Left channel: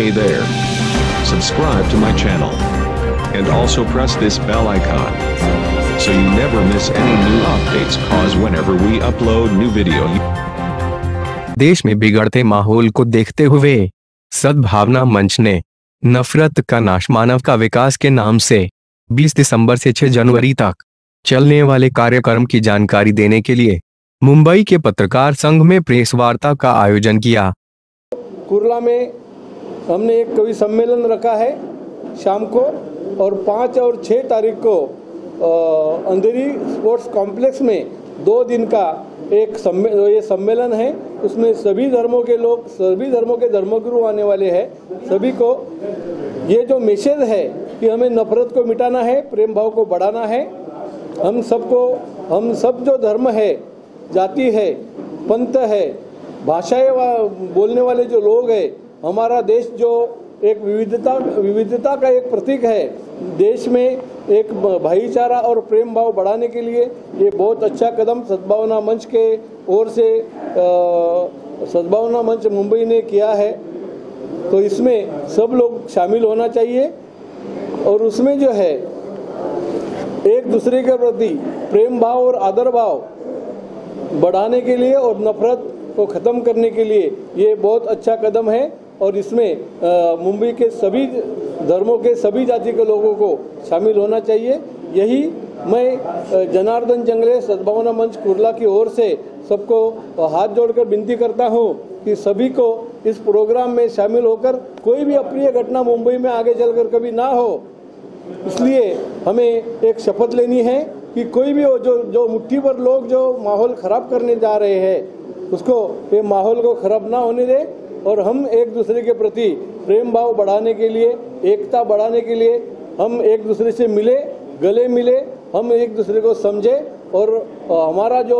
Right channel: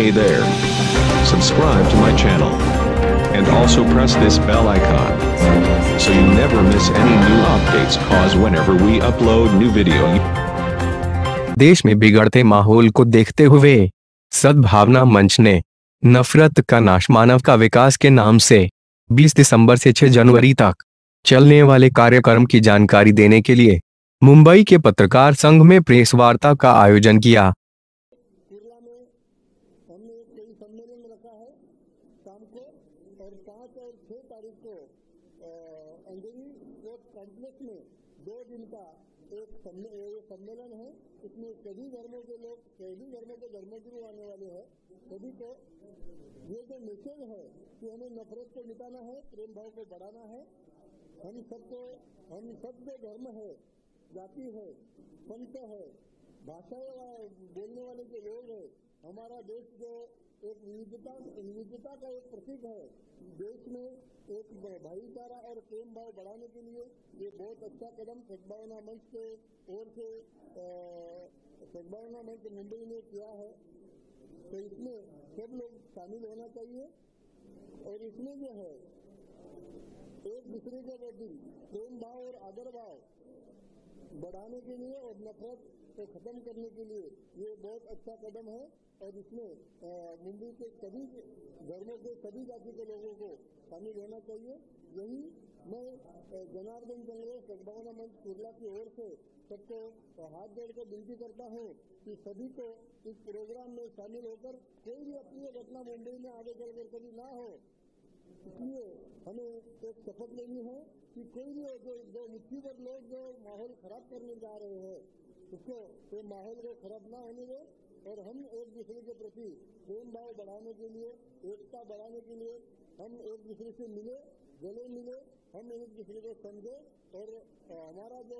Hey there. Subscribe to my channel. And also press this bell icon. So you never miss any new updates cause whenever we upload new video. देश में बिगड़ते माहौल को देखते हुए सद्भावना मंच ने नफरत का नाश मानव का विकास के नाम से 20 दिसंबर से 6 जनवरी तक चलने वाले कार्यक्रम की जानकारी देने के लिए मुंबई के पत्रकार संघ में प्रेस वार्ता का आयोजन किया। कुर्ला में हमने एक कवि सम्मेलन रखा है शाम को, और 5 और 6 तारीख को अंधेरी स्पोर्ट्स कॉम्प्लेक्स में 2 दिन का एक ये सम्मेलन है। उसमें सभी धर्मों के लोग, सभी धर्मों के धर्मगुरु आने वाले हैं। सभी को ये जो मैसेज है कि हमें नफरत को मिटाना है, प्रेम भाव को बढ़ाना है। हम सब जो धर्म है, जाति है, पंथ है, भाषाएं बोलने वाले जो लोग हैं, हमारा देश जो एक विविधता का एक प्रतीक है, देश में एक भाईचारा और प्रेम भाव बढ़ाने के लिए ये बहुत अच्छा कदम सद्भावना मंच के ओर से सद्भावना मंच मुंबई ने किया है। तो इसमें सब लोग शामिल होना चाहिए और उसमें जो है एक दूसरे के प्रति प्रेम भाव और आदर भाव बढ़ाने के लिए और नफरत को ख़त्म करने के लिए ये बहुत अच्छा कदम है। और इसमें मुंबई के सभी धर्मों के सभी जाति के लोगों को शामिल होना चाहिए। यही मैं जनार्दन जंगले सद्भावना मंच कुर्ला की ओर से सबको हाथ जोड़कर विनती करता हूं कि सभी को इस प्रोग्राम में शामिल होकर कोई भी अप्रिय घटना मुंबई में आगे चलकर कभी ना हो, इसलिए हमें एक शपथ लेनी है कि कोई भी हो जो मुट्ठी भर लोग जो माहौल ख़राब करने जा रहे हैं, उसको ये माहौल को ख़राब ना होने दे और हम एक दूसरे के प्रति प्रेम भाव बढ़ाने के लिए, एकता बढ़ाने के लिए हम एक दूसरे से मिले, गले मिले, हम एक दूसरे को समझे और हमारा जो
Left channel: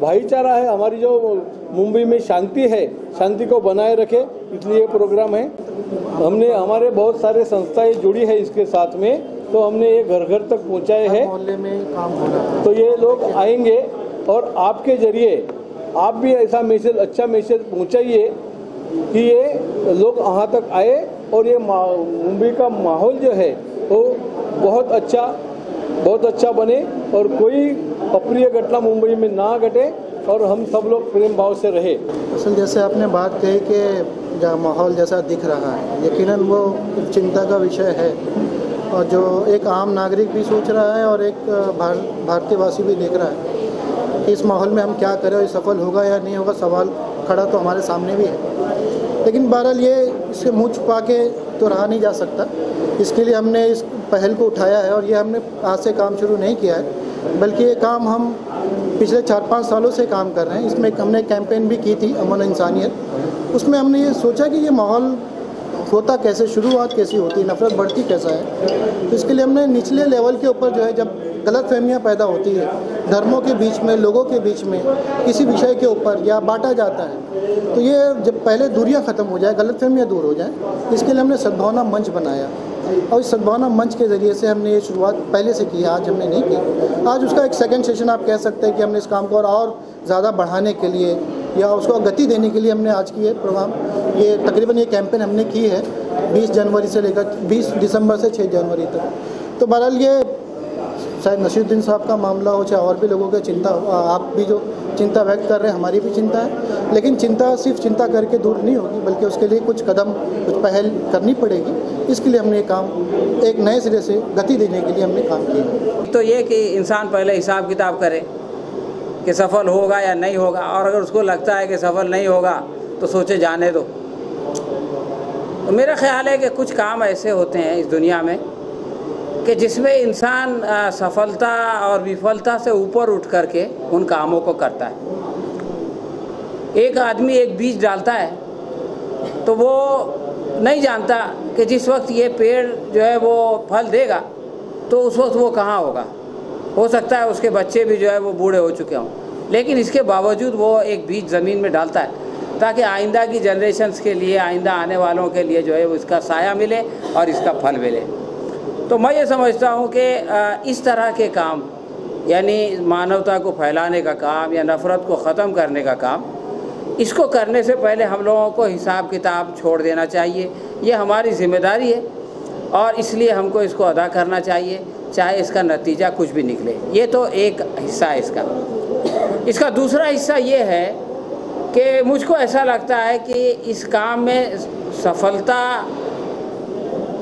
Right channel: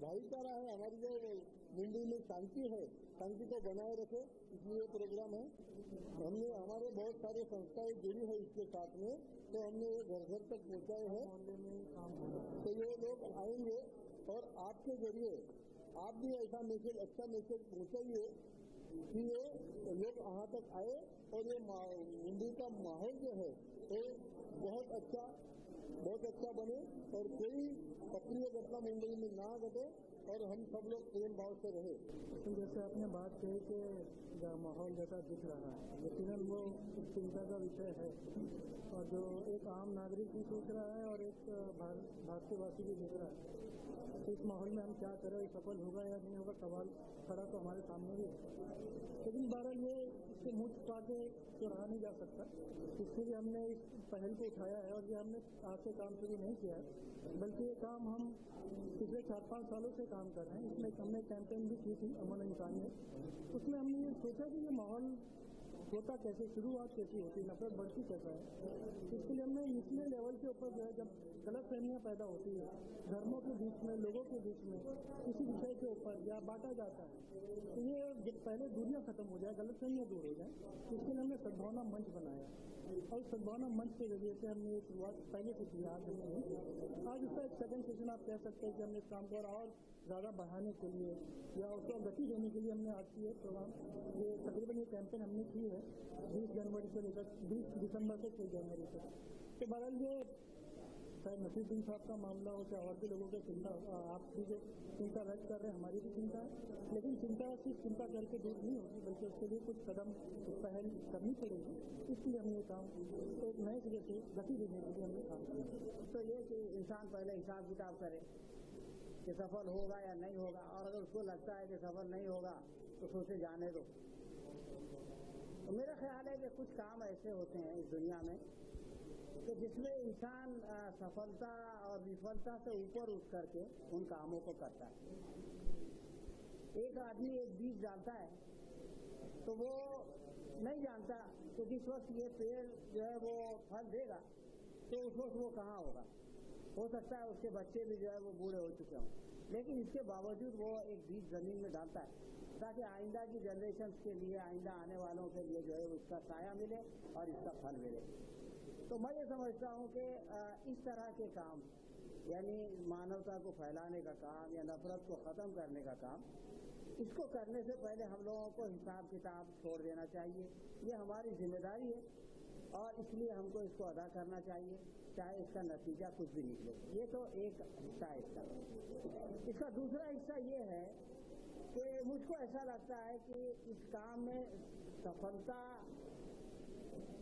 भाईचारा है, हमारी जो मुंबई में शांति है, शांति को बनाए रखे, इसलिए प्रोग्राम है। हमने हमारे बहुत सारे संस्थाएं जुड़ी है इसके साथ में, तो हमने ये घर घर तक पहुँचाए हैं। मोहल्ले में काम हो रहा है, तो ये लोग आएंगे और आपके जरिए आप भी ऐसा मैसेज, अच्छा मैसेज पहुँचाइए कि ये लोग यहाँ तक आए और ये मुंबई का माहौल जो है वो बहुत अच्छा बने और कोई अप्रिय घटना मुंबई में ना घटे और हम सब लोग प्रेम भाव से रहे। असल जैसे आपने बात कही कि जो माहौल जैसा दिख रहा है, यकीनन वो चिंता का विषय है और जो एक आम नागरिक भी सोच रहा है और एक भारतीयवासी भी देख रहा है कि इस माहौल में हम क्या करें और ये सफल होगा या नहीं होगा। सवाल खड़ा तो हमारे सामने भी है, लेकिन बहरहाल ये इससे मुँह छुपा के तो रहा नहीं जा सकता। इसके लिए हमने इस पहल को उठाया है और ये हमने आज से काम शुरू नहीं किया है, बल्कि ये काम हम पिछले 4-5 सालों से काम कर रहे हैं। इसमें हमने कैंपेन भी की थी, अमन इंसानियत। उसमें हमने ये सोचा कि ये माहौल होता कैसे, शुरुआत कैसी होती है, नफरत बढ़ती कैसा है। तो इसके लिए हमने निचले लेवल के ऊपर जो है, जब गलतफहमियां पैदा होती है धर्मों के बीच में, लोगों के बीच में, किसी विषय के ऊपर या बांटा जाता है, तो ये जब पहले दूरियां ख़त्म हो जाए, गलतफहमियां दूर हो जाए, इसके लिए हमने सद्भावना मंच बनाया और इस सद्भावना मंच के ज़रिए से हमने ये शुरुआत पहले से की है, आज हमने नहीं की। आज उसका एक सेकंड सेशन आप कह सकते हैं कि हमने इस काम को और ज़्यादा बढ़ाने के लिए या उसको गति देने के लिए हमने आज की ये प्रोग्राम, ये तकरीबन ये कैंपेन हमने की है 20 जनवरी से लेकर 20 दिसंबर से 6 जनवरी तक। तो बहरहाल ये शायद नसीरुद्दीन साहब का मामला हो, चाहे और भी लोगों की चिंता हो, आप भी जो चिंता व्यक्त कर रहे हैं, हमारी भी चिंता है, लेकिन चिंता सिर्फ चिंता करके दूर नहीं होगी, बल्कि उसके लिए कुछ कदम, कुछ पहल करनी पड़ेगी। इसके लिए हमने काम एक नए सिरे से गति देने के लिए हमने काम किया। तो ये कि इंसान पहले हिसाब किताब करे कि सफल होगा या नहीं होगा, और अगर उसको लगता है कि सफल नहीं होगा तो सोचे जाने दो। तो मेरा ख्याल है कि कुछ काम ऐसे होते हैं इस दुनिया में कि जिसमें इंसान सफलता और विफलता से ऊपर उठ करके उन कामों को करता है। एक आदमी एक बीज डालता है तो वो नहीं जानता कि जिस वक्त ये पेड़ जो है वो फल देगा तो उस वक्त वो कहाँ होगा। हो सकता है उसके बच्चे भी जो है वो बूढ़े हो चुके हों, लेकिन इसके बावजूद वो एक बीज ज़मीन में डालता है ताकि आइंदा की जनरेशन्स के लिए, आइंदा आने वालों के लिए जो है वो इसका साया मिले और इसका फल मिले। तो मैं ये समझता हूँ कि इस तरह के काम, यानी मानवता को फैलाने का काम या नफ़रत को ख़त्म करने का काम, इसको करने से पहले हम लोगों को हिसाब किताब छोड़ देना चाहिए। ये हमारी जिम्मेदारी है और इसलिए हमको इसको अदा करना चाहिए, चाहे इसका नतीजा कुछ भी निकले। ये तो एक हिस्सा है इसका दूसरा हिस्सा ये है कि मुझको ऐसा लगता है कि इस काम में सफलता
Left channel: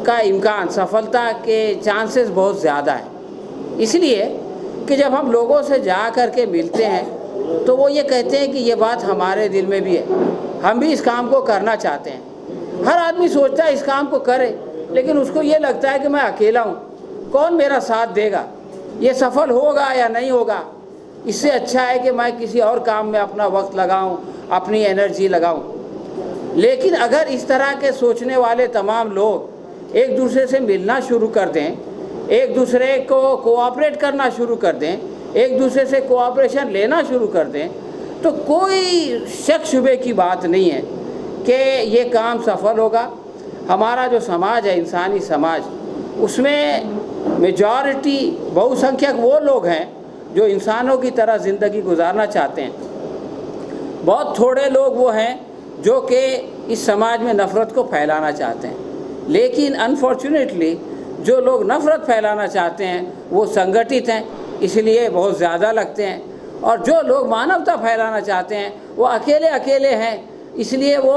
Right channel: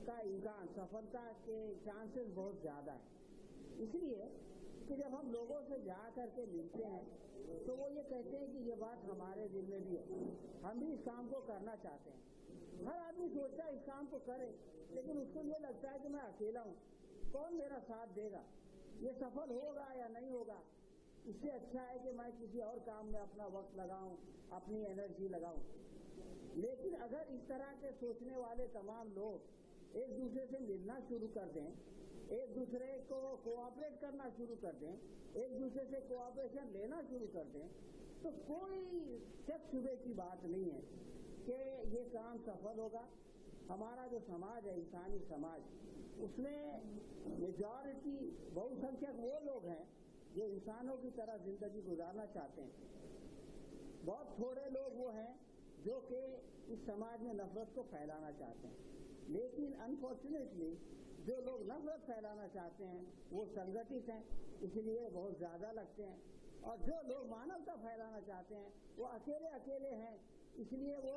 का इम्कान, सफलता के चांसेस बहुत ज़्यादा है। इसलिए कि जब हम लोगों से जा कर के मिलते हैं तो वो ये कहते हैं कि ये बात हमारे दिल में भी है, हम भी इस काम को करना चाहते हैं। हर आदमी सोचता है इस काम को करे, लेकिन उसको ये लगता है कि मैं अकेला हूँ, कौन मेरा साथ देगा, ये सफल होगा या नहीं होगा। इससे अच्छा है कि मैं किसी और काम में अपना वक्त लगाऊं, अपनी एनर्जी लगाऊं। लेकिन अगर इस तरह के सोचने वाले तमाम लोग एक दूसरे से मिलना शुरू कर दें, एक दूसरे को कोऑपरेट करना शुरू कर दें, एक दूसरे से कोऑपरेशन लेना शुरू कर दें, तो कोई शक शुबे की बात नहीं है कि ये काम सफल होगा। हमारा जो समाज है, इंसानी समाज, उसमें मेजॉरिटी, बहुसंख्यक वो लोग हैं जो इंसानों की तरह ज़िंदगी गुजारना चाहते हैं। बहुत थोड़े लोग वो हैं जो कि इस समाज में नफ़रत को फैलाना चाहते हैं। लेकिन अनफॉर्चुनेटली जो लोग नफ़रत फैलाना चाहते हैं वो संगठित हैं, इसलिए बहुत ज़्यादा लगते हैं, और जो लोग मानवता फैलाना चाहते हैं वो अकेले अकेले हैं, इसलिए वो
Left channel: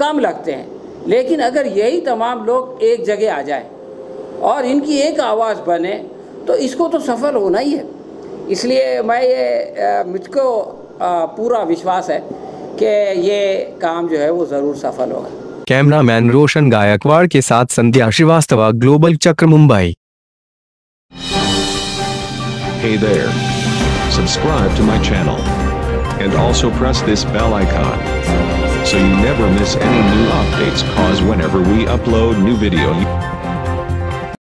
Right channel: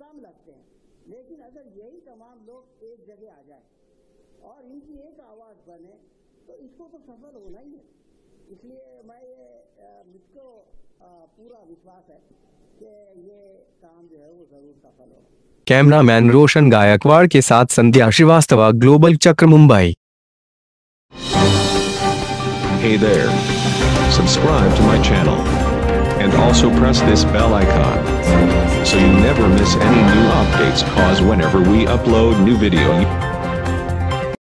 कम लगते हैं। लेकिन अगर यही तमाम लोग एक जगह आ जाए और इनकी एक आवाज़ बने तो इसको तो सफल होना ही है। इसलिए मैं ये मुझको पूरा विश्वास है कि ये काम जो है वो ज़रूर सफल होगा। कैमरामैन रोशन गायकवाड़ के साथ संध्या श्रीवास्तव, ग्लोबल चक्र, Mumbai. Hey there. Subscribe to my channel. And also press this bell icon. So you never miss any new updates, cause whenever we upload new video